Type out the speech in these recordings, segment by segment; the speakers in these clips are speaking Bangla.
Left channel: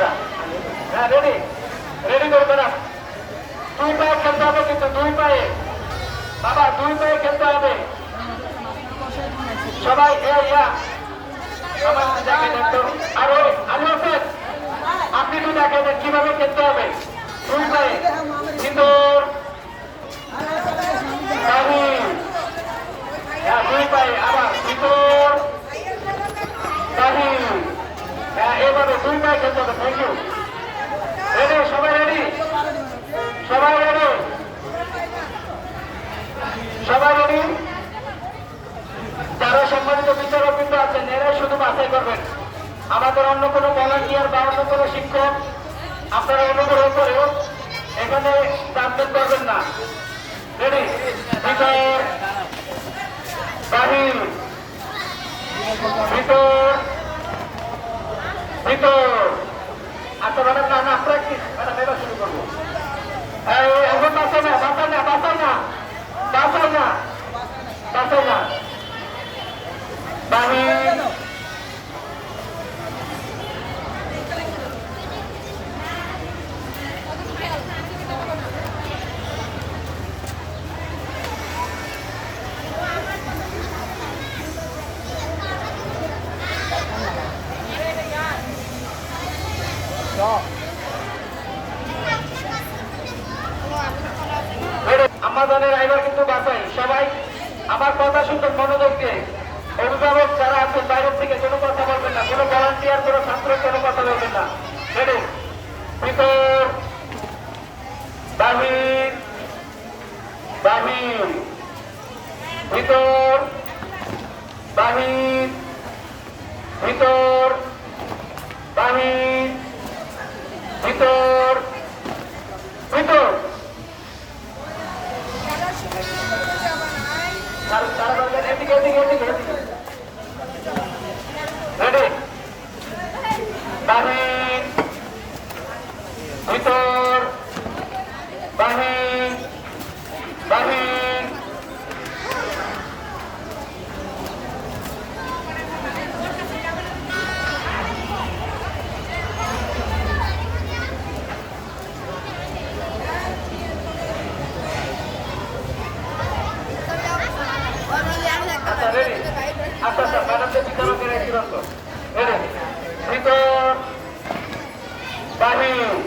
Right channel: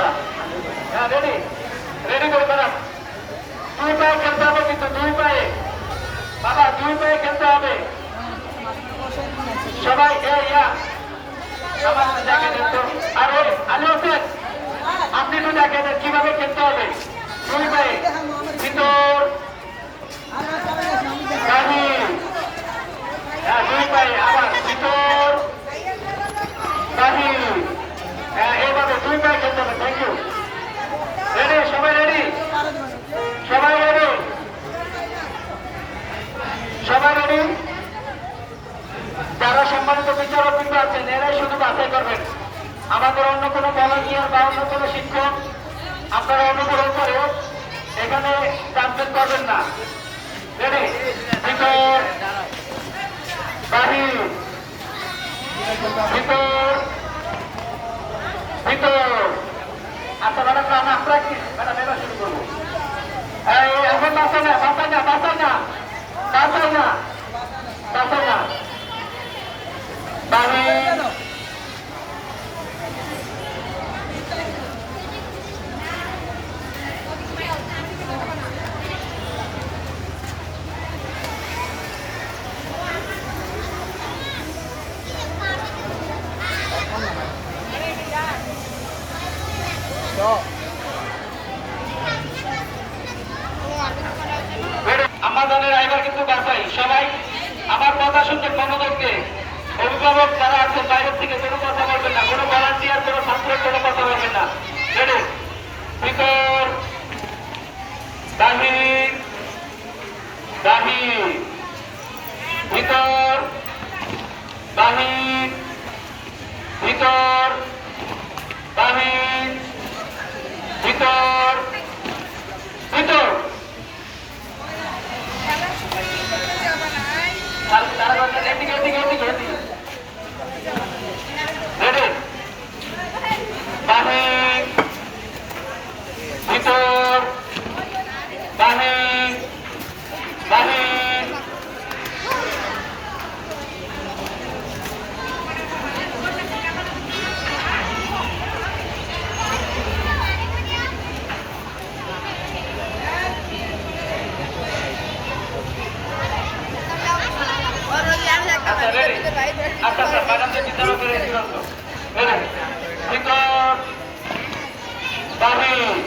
আচ্ছা হ্যাঁ রেডি রেডি করে ম্যাডাম 2 পায়ে খেলতে হবে কিন্তু 2 পায়ে বাবা 2 পায়ে খেলতে হবে সবাই আরে আলী হোসেন আপনি একটু দেখেন কিভাবে খেলতে হবে 2 পায়ে ভিতর দুই পায়ে আবার ভিতর এইভাবে 2 পায়ে খেলতে হবে থ্যাংক ইউ রেডি সবাই রেডি সবাই রেডি সবাই রেডি যারা সম্মানিত বিচারক বৃন্দ আছেন এরাই শুধু বাছাই করবেন আমাদের অন্য কোনো ভলান্টিয়ার বা অন্য কোনো শিক্ষক আপনারা অনুগ্রহ করে এখানে জানতে পারবেন না রেডি ভিতর বাহির ভিতর ভিতর আচ্ছা ম্যাডাম আমরা প্র্যাকটিস ম্যাডাম এবার শুরু করবো এখন বাঁচাই না বাঁচাই না বাঁচাই না বাঁচাই না বাঁচাই না বাহির আমাদের এবার কিন্তু বাঁচাই সবাই আমার কথা শুনবেন মনোযোগ দিয়ে অভিভাবক যারা আছেন বাইরের থেকে কোনো কথা বলবেন না কোনো ভলান্টিয়ার কোনো ছাত্র কোনো কথা বলবেন না রেডি ভিতর বাহির বাহির ভিতর বাহির ভিতর বাহির ভিতর ভিতর রেডি বাহির ভিতর বাহির বাহির আচ্ছা রেডি আচ্ছা আচ্ছা ম্যাডামদের বিচারক চূড়ান্ত রেডি ভিতর বাহির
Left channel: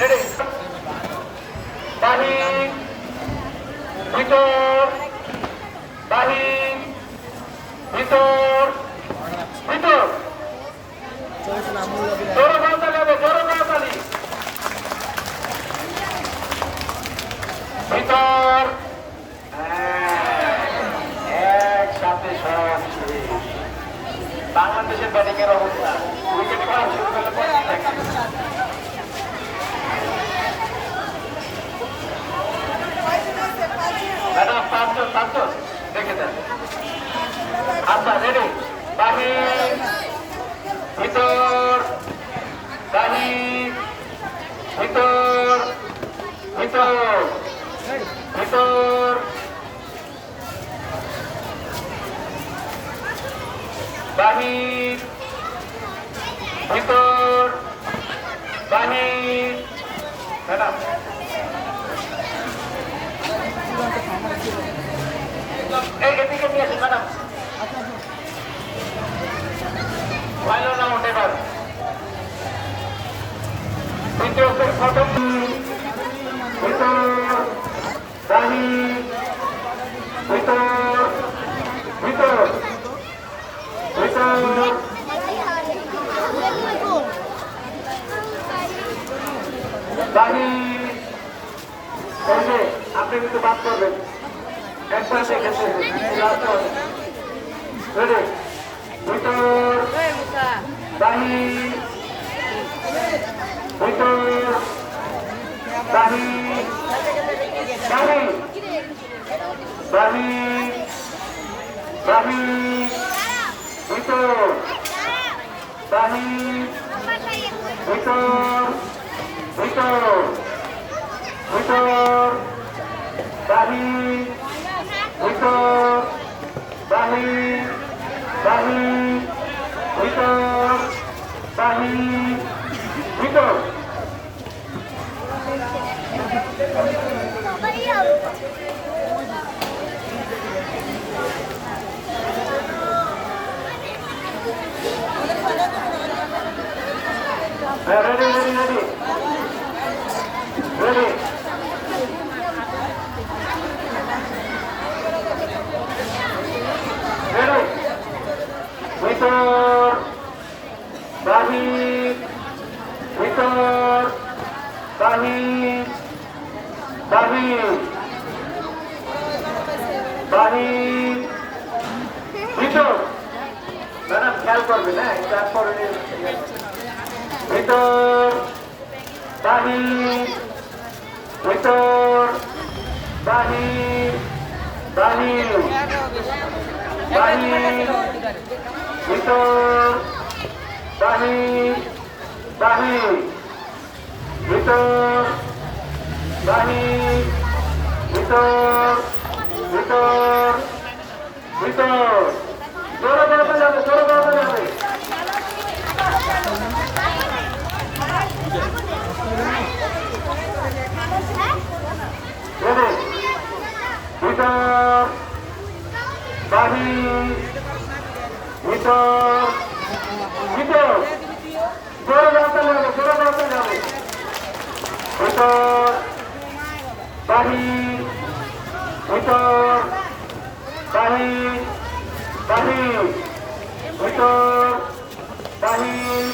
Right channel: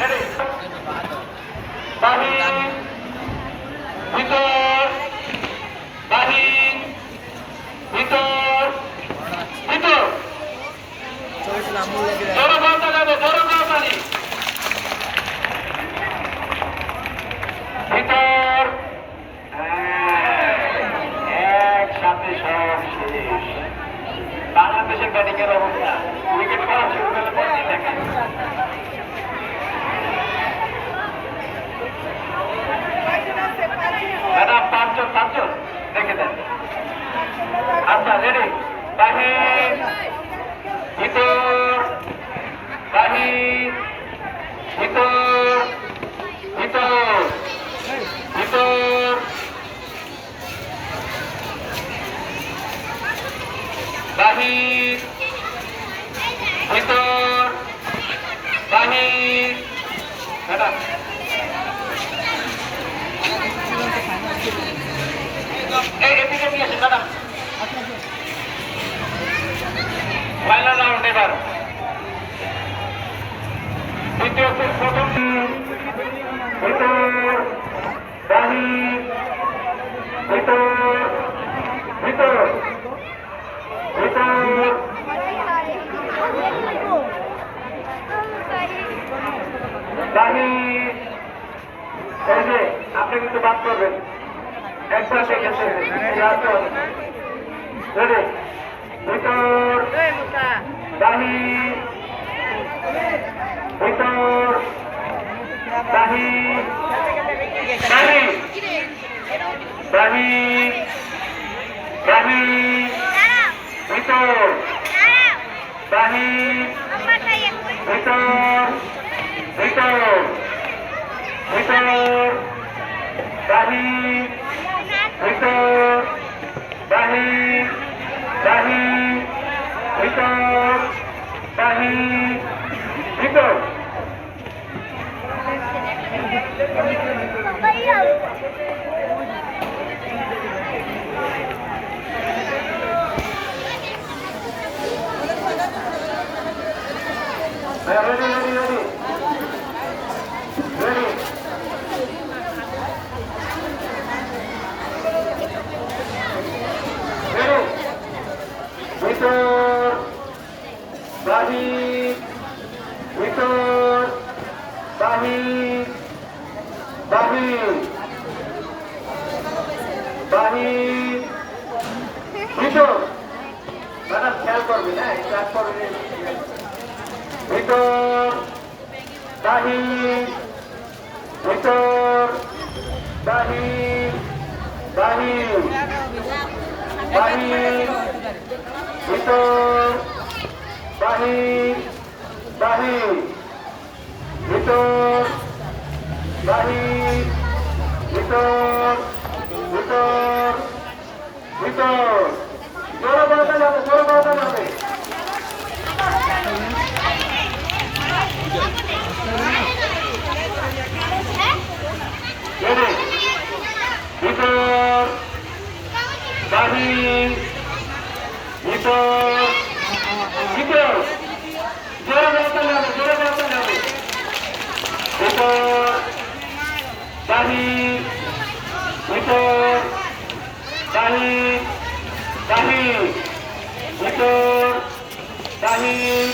রেডি বাহির ভিতর বাহির ভিতর ভিতর জোরে বার্তা যাবো জোরে বার্তালি ভিতর একসাথে সব শেষ বাংলাদেশের ব্যাটিং এর অবস্থা উইকেট করা শুরু করলে পরে দেখা ম্যাডাম পাঁচজন দেখে দেন আচ্ছা রেডি বাহির ভিতর বাহির ভিতর ভিতর ভিতর বাহির ভিতর বাহির ম্যাডাম এদিকে নিয়ে আসেন ম্যাডাম ফাইনাল রাউন্ড এবার দ্বিতীয় সেট প্রথম ভিতর বাহির ভিতর ভিতর ভিতর বাহির ওই যে আপনি কিন্তু বাদ করবেন একবার দেখেছেন রেডি ভিতর বাহির ভিতর বাহির বাহির বাহির ভিতর বাহির ভিতর ভিতর ভিতর বাহির ভিতর বাহির বাহির ভিতর বাহির ভিতর ready, ready, ready. Ready. Ready. ভিতর বাহির ভিতর বাহির বাহির বাহির ভিতর ম্যাডাম খেয়াল করবেন হ্যাঁ স্টার্ট করবেন ভিতর বাহির ভিতর বাহির বাহির বাহির ভিতর বাহির বাহির ভিতর বাহির ভিতর ভিতর ভিতর জোরে বলতে যাবে জোরে বলতে যাবে ভিতর বাহির ভিতর ভিতর জোরে বলতে যাবে জোরে বলতে যাবে ভিতর বাহির ভিতর বাহির বাহির ভিতর বাহির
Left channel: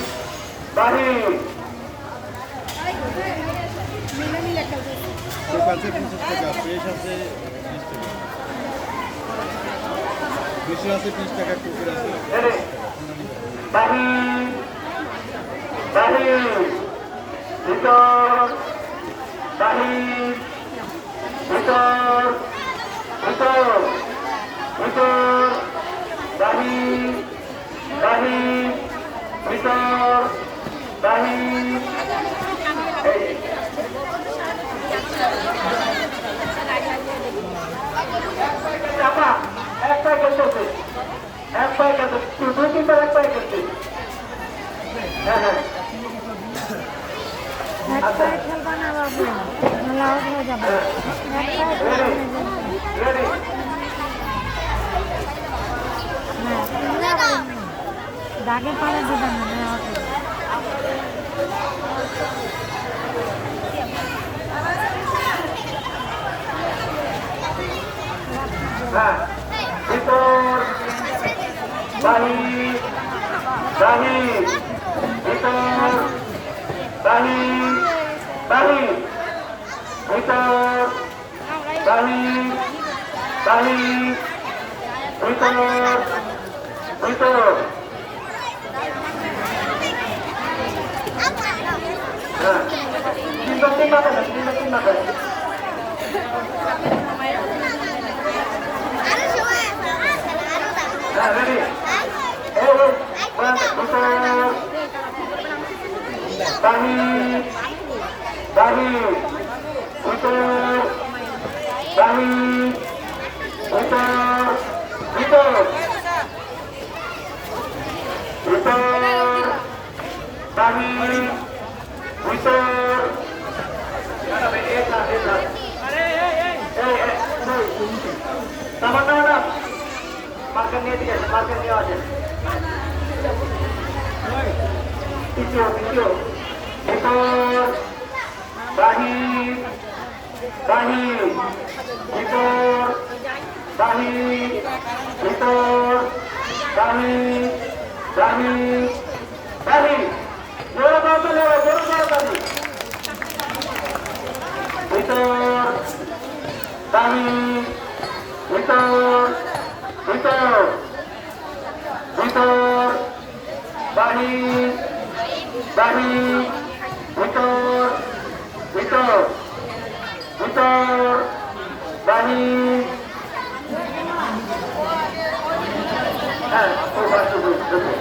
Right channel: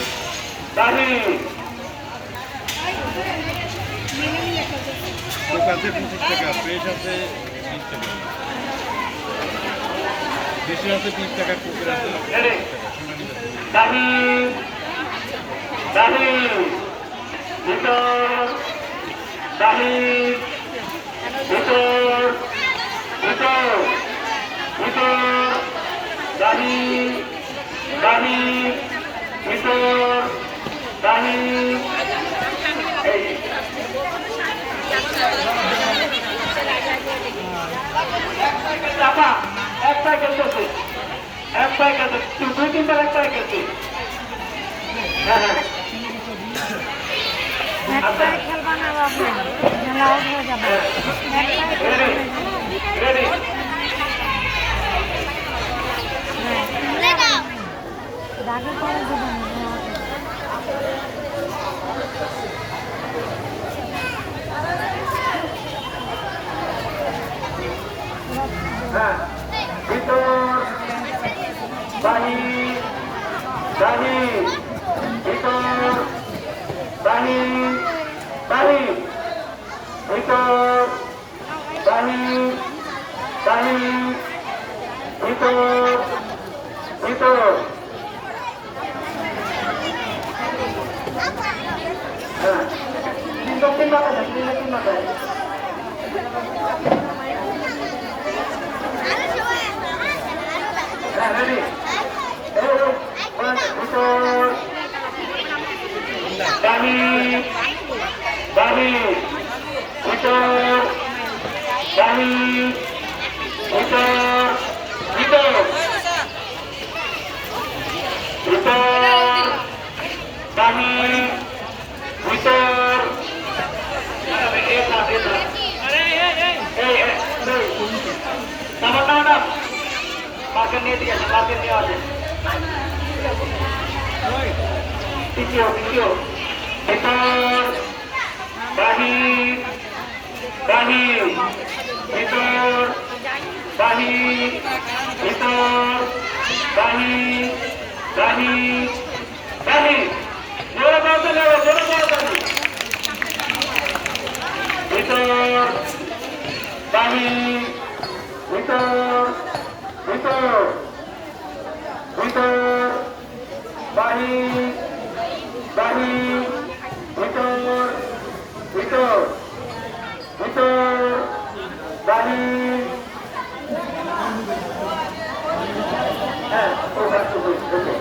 বাহির কাছে 25 টাকা ফ্রেশ আছে 20 টাকা বেশি আছে 20 টাকা কুকুর আছে বাহির বাহির ভিতর বাহির ভিতর ভিতর ভিতর বাহির বাহির ভিতর বাহির চাপা এক পায়ে খেলতেছে এক পায়ে খেলতেছে দুই তিনবার এক পায়ে খেলছে হ্যাঁ হ্যাঁ আচ্ছা রেডি রেডি হ্যাঁ ভিতর বাহির বাহির ভিতর বাহির বাহির ভিতর বাহির বাহির ভিতর ভিতর হ্যাঁ তিন মাথায় তিন মাথায় ready? Betul. Bahir, bahir, betul. Bahir, betul, betul, betul. Bahir, betul. Ada esa. Sama-sama. Market নিয়ে ঠিক আছে মার্কেট নিয়ে আছে তৃতীয় ভিতর বাহির বাহির ভিতর বাহির ভিতর বাহির বাহির বাহির জোরে বলতে যাবে জোরে বলতে ভিতর বাহির ভিতর ভিতর ভিতর বাহির বাহির ভিতর ভিতর ভিতর পানি হ্যাঁ ওই পাঁচশো ওকে